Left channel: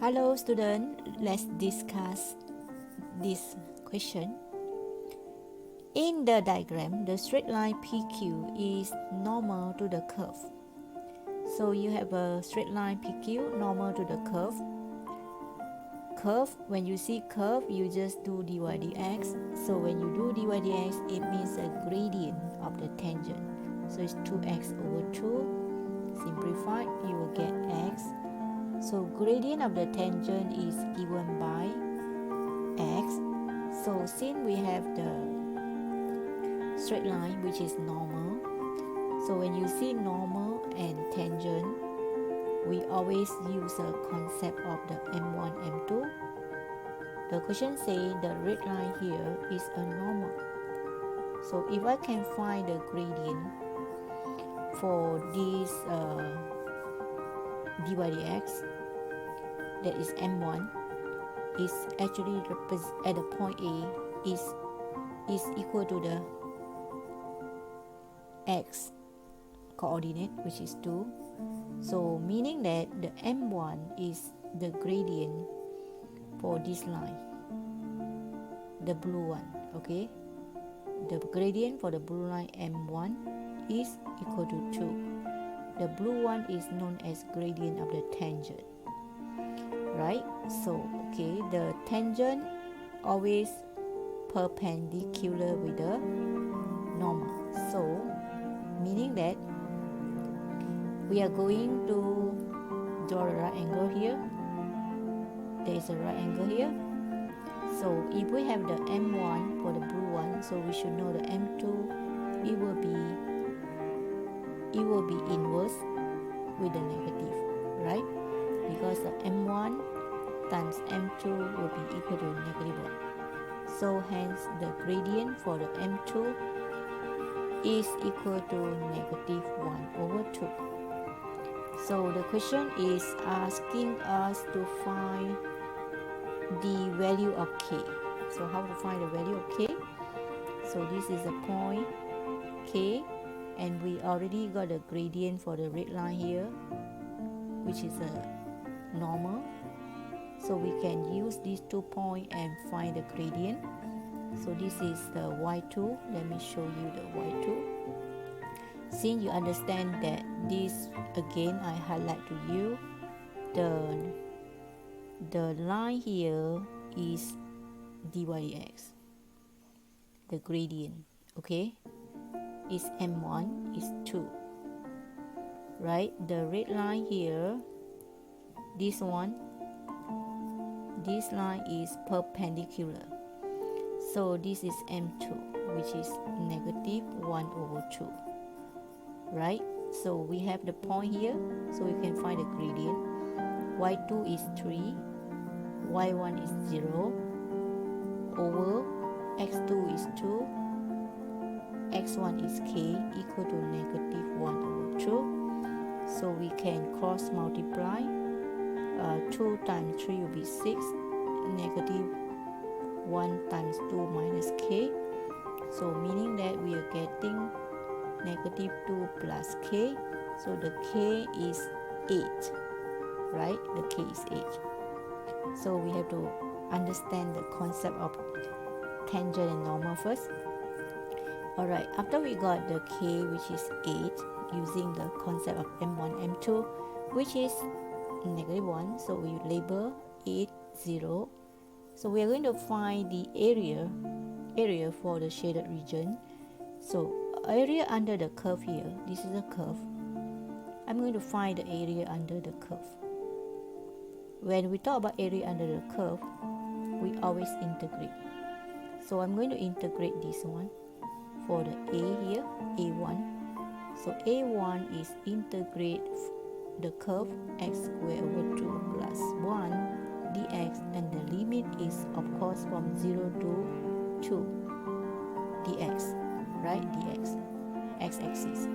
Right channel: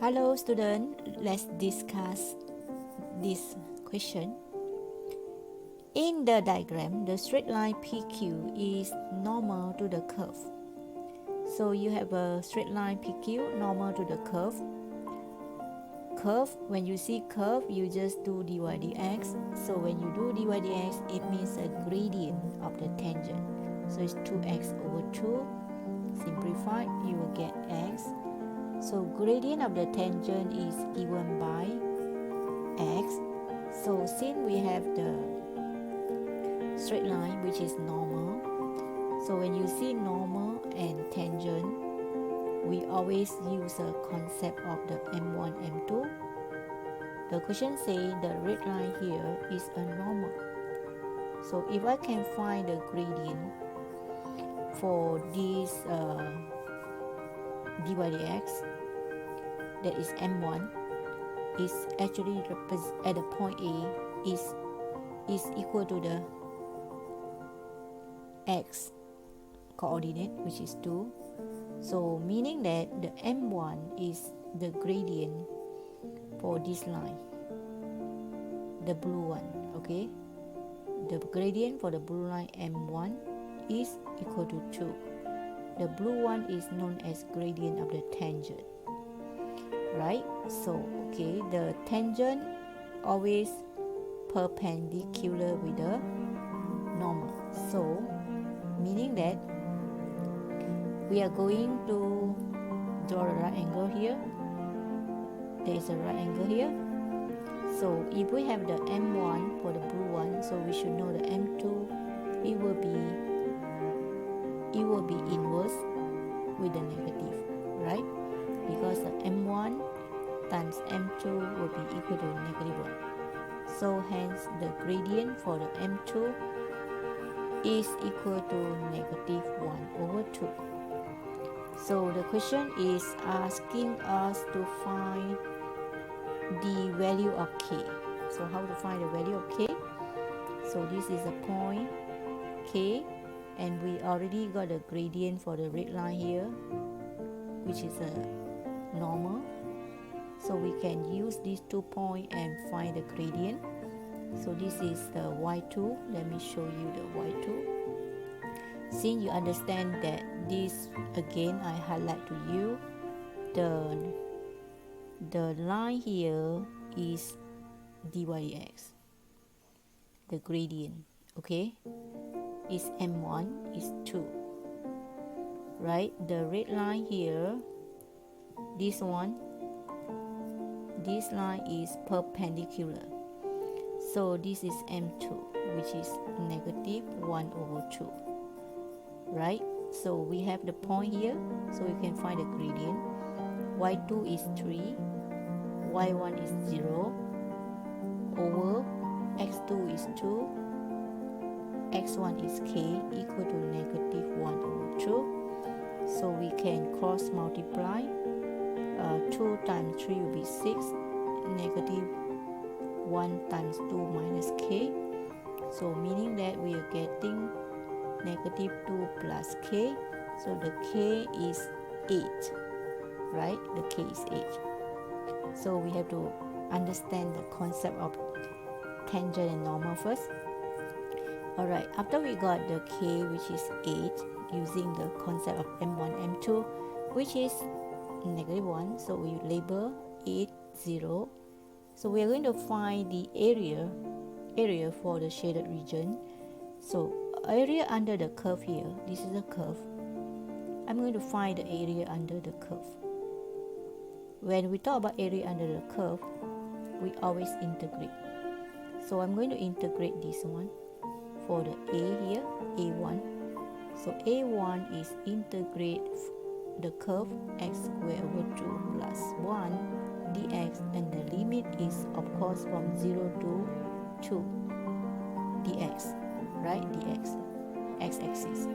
Hello student, let's discuss this question. In the diagram, the straight line PQ is normal to the curve. So you have a straight line PQ normal to the curve. When you see curve, you just do dy dx. So when you do dy dx, it means a gradient of the tangent. So it's 2x over 2. Simplified, you will get x. So gradient of the tangent is given by x. So since we have the straight line which is normal, so when you see normal and tangent, we always use a concept of the M1, M2. The question says the red line here is a normal. So if I can find the gradient for this dy dx, that is M1, is actually at the point A is equal to the x coordinate, which is 2. So meaning that the M1 is the gradient for this line, the blue one. Okay, the gradient for the blue line M1 is equal to 2. The blue one is known as gradient of the tangent, right? So okay, the tangent always perpendicular with the normal. So meaning that we are going to draw a right angle here. There is a right angle here. So if we have the M1 for the blue one, so we should know the M2, it will be inverse with the negative, right? Because the M1 times M2 will be equal to negative 1. So hence the gradient for the M2 is equal to negative 1 over 2. So the question is asking us to find the value of k. So how to find the value of k? So this is a point k, and we already got a gradient for the red line here, which is a normal. So we can use these 2 points and find the gradient. So this is the y2. Let me show you the y2. Since you understand that this, again I highlight to you, the line here is dy dx, the gradient, okay, is M1 is 2, right? The red line here, this one, this line is perpendicular. So this is M2, which is negative 1 over 2, right? So we have the point here, so we can find the gradient. y2 is 3, y1 is 0, over x2 is 2, x1 is k, equal to negative 1 over 2. So we can cross multiply. 2 times 3 will be 6, negative 1 times 2 minus k. So meaning that we are getting negative 2 plus k. So the k is 8, right? The k is 8. So we have to understand the concept of tangent and normal first. Alright, after we got the k, which is 8, using the concept of M1, M2, which is negative 1, so we label 8, 0. So we are going to find the area for the shaded region. So area under the curve here, this is a curve. I'm going to find the area under the curve. When we talk about area under the curve, we always integrate. So I'm going to integrate this one for the a here, a1. So a1 is integrate the curve x squared over 2 plus 1 dx, and the limit is of course from 0 to 2 dx, right? Dx, x-axis.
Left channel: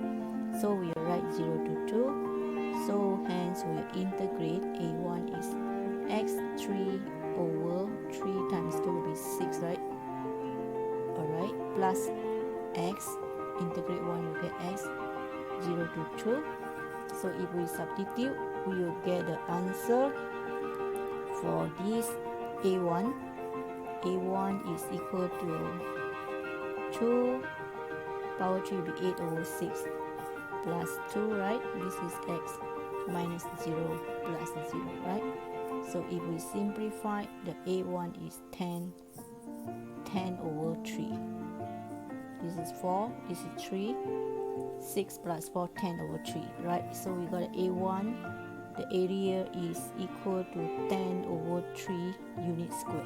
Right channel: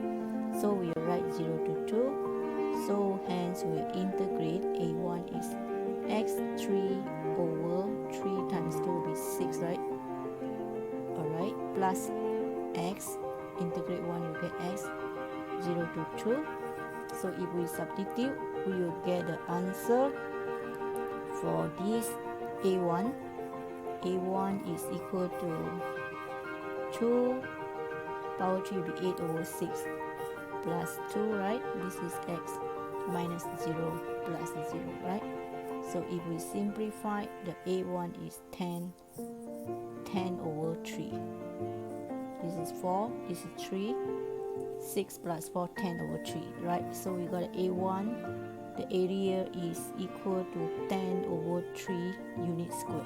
So we write 0 to 2. So hence we integrate a1 is x3 over 3 times 2 will be 6, right? Alright, plus x, integrate 1 you get x, 0 to 2. So if we substitute, we will get the answer for this a1 is equal to 2 power 3 will be 8 over 6 plus 2, right? This is x minus 0 plus 0, right? So if we simplify, the a1 is 10 over 3. This is 4, this is 3, 6 plus 4, 10 over 3, right? So we got a1, the area is equal to 10 over 3 unit square.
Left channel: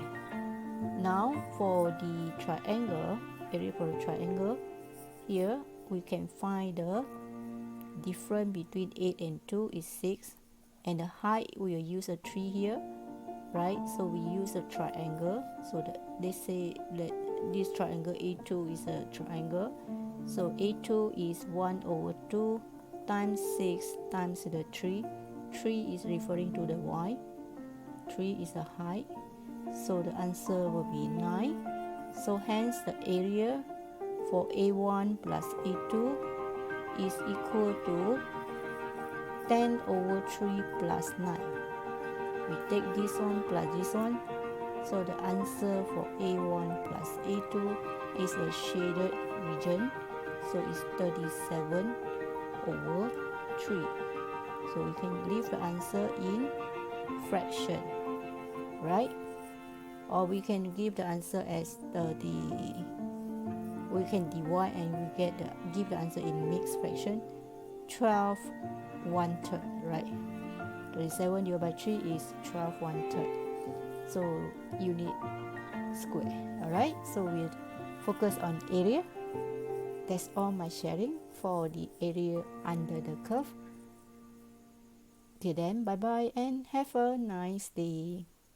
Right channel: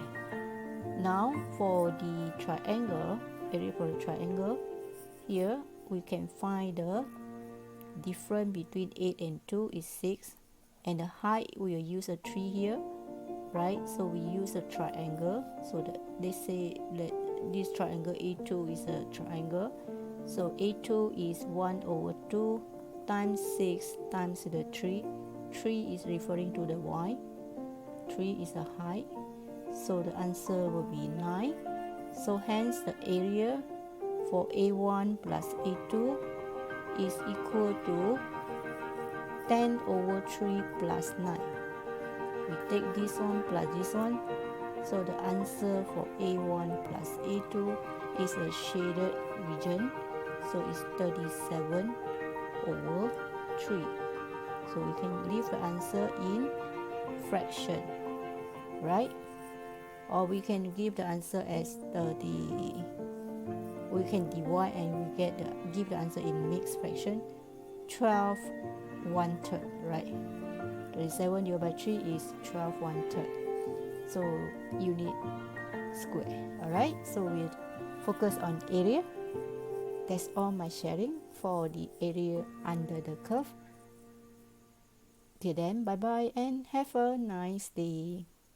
Now for the triangle, area for the triangle, here we can find the difference between 8 and 2 is 6, and the height we will use a 3 here, right? So we use a triangle, so that they say that this triangle A2 is a triangle, so A2 is 1 over 2 times 6 times the 3 is referring to the y, 3 is the height, so the answer will be 9. So hence the area for A1 plus A2 is equal to 10 over 3 plus 9. We take this one plus this one, so the answer for A1 plus A2 is a shaded region, so it's 37 over 3. So we can leave the answer in fraction, right? Or we can give the answer as we can divide and we give the answer in mixed fraction, 12 1/3, right? 37 divided by 3 is 12 1/3. So unit square. Alright, so we'll focus on area. That's all my sharing for the area under the curve. Till then, bye bye and have a nice day.